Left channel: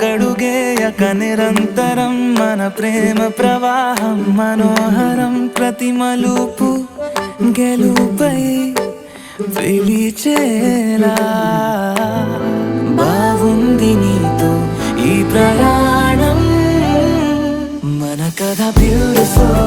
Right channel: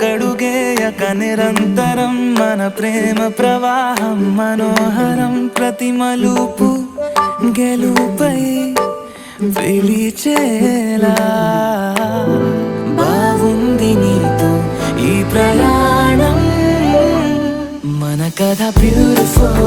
వెనకడుగేయక నిరంతరం మన ప్రేమ ప్రవాహం మనోహరం ప్రతి మలుపు గెలుపై పిలిచేలా బాగుంది నీతో ఈ ప్రయాణం మన కథ బ్యూటిఫుల్